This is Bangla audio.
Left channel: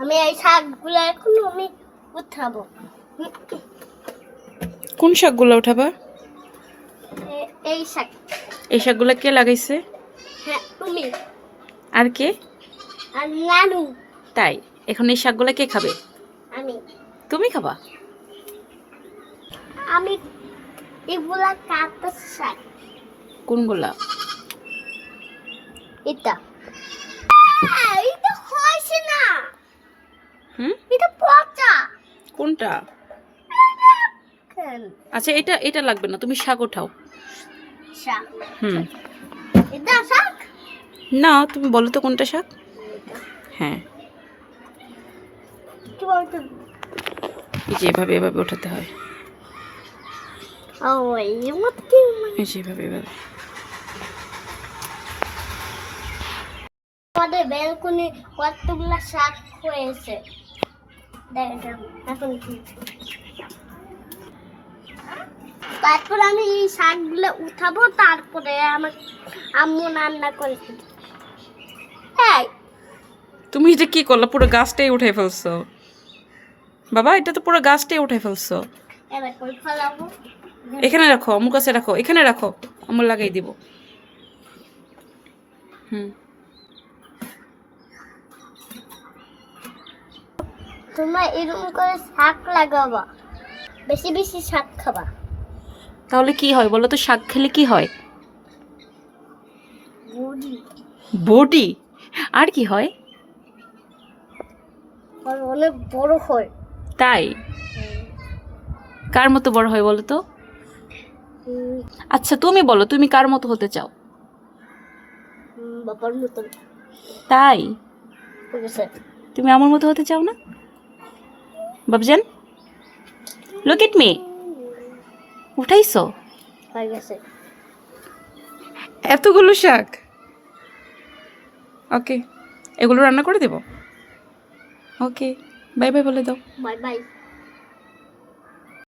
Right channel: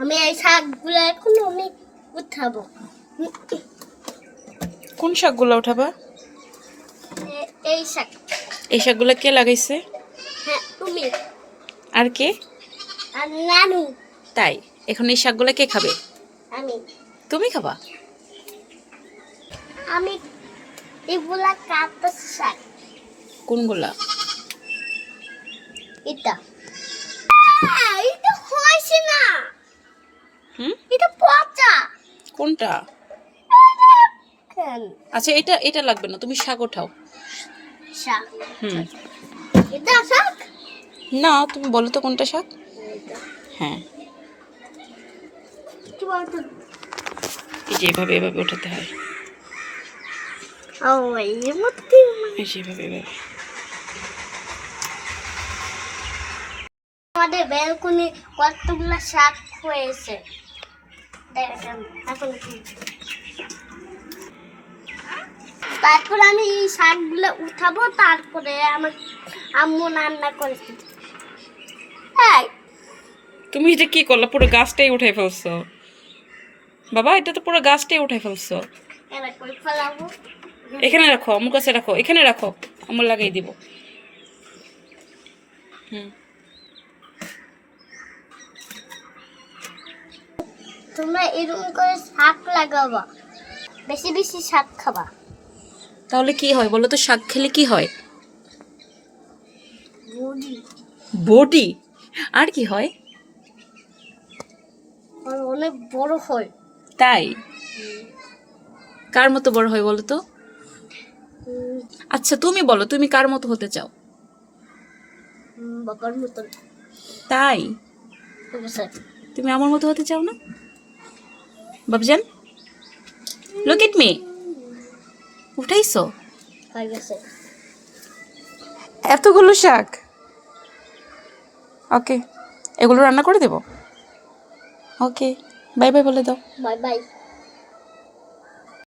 আমি এই শাকগুলো এখন আমি উঠাবো। কোন শাকগুলো উঠাবা? এই শাক। এই শাকগুলো কে লাগাইছে? হ্যাঁ তুমি। আর কে? আর নানু। তাই এখন এই শাকগুলো কে খাবে? আমি। তুমি খাবা? আমি এগুলা কাটা শাক। কোনগুলা? এটা এটা হইছে না। হুম, এটা পচা। কোনটা? কেন? আচ্ছা এটা এটা লাগবে না, তুমি শাক উঠাও। শাক। হুম, এটা শাক। না তুমি বলো তো কোনটা শাক? হ্যাঁ, কি বলতো? এই যে এভাবে এভাবে উঠাতে হয়। ও এই মতে এই যে এভাবে এভাবে। আমাদের ব্যালকনি কতগুলা শাক হয়েছে দেখেন এখন কি। তারপর আমি এই শাকগুলো উঠাবো, তারপরে আমার আম্মু রান্না করেছে। হ্যাঁ তুমি এটা কি করলা? পুরো গাছটাই উঠে ফেলছো বাবা, এটা তো পুরো গাছটাই উঠে ফেলছো। এবার কই ফেলাবো? এখানে রাখো, আমার কাছে রাখো, এখানে রাখো, আমার লাগাই দিব। হুম, তোমরা এরকম করে শাক লাগাবা, বেশি বেশি শাক খাবা। তাহলে কি হয় বলো তো? শাক খেলে কি হয়? Body body. আর কি হয়? অনেক বড় হয়। তাই? কার মতো বড় হয় বলো তো? আচ্ছা তুমি বলো, তুমি কার মতো হতে চাও? বাবার মতন। তাই? ঠিক আছে। তুমি আমার মতো হতে চাও না? বাবজান, লুক এট মি। উঠাইছো হয়ে গেছে। এতগুলো শাক? ওকে, এগুলো রান্না করে দেব। ওকে, বাই বাই বলে দাও। Bye bye.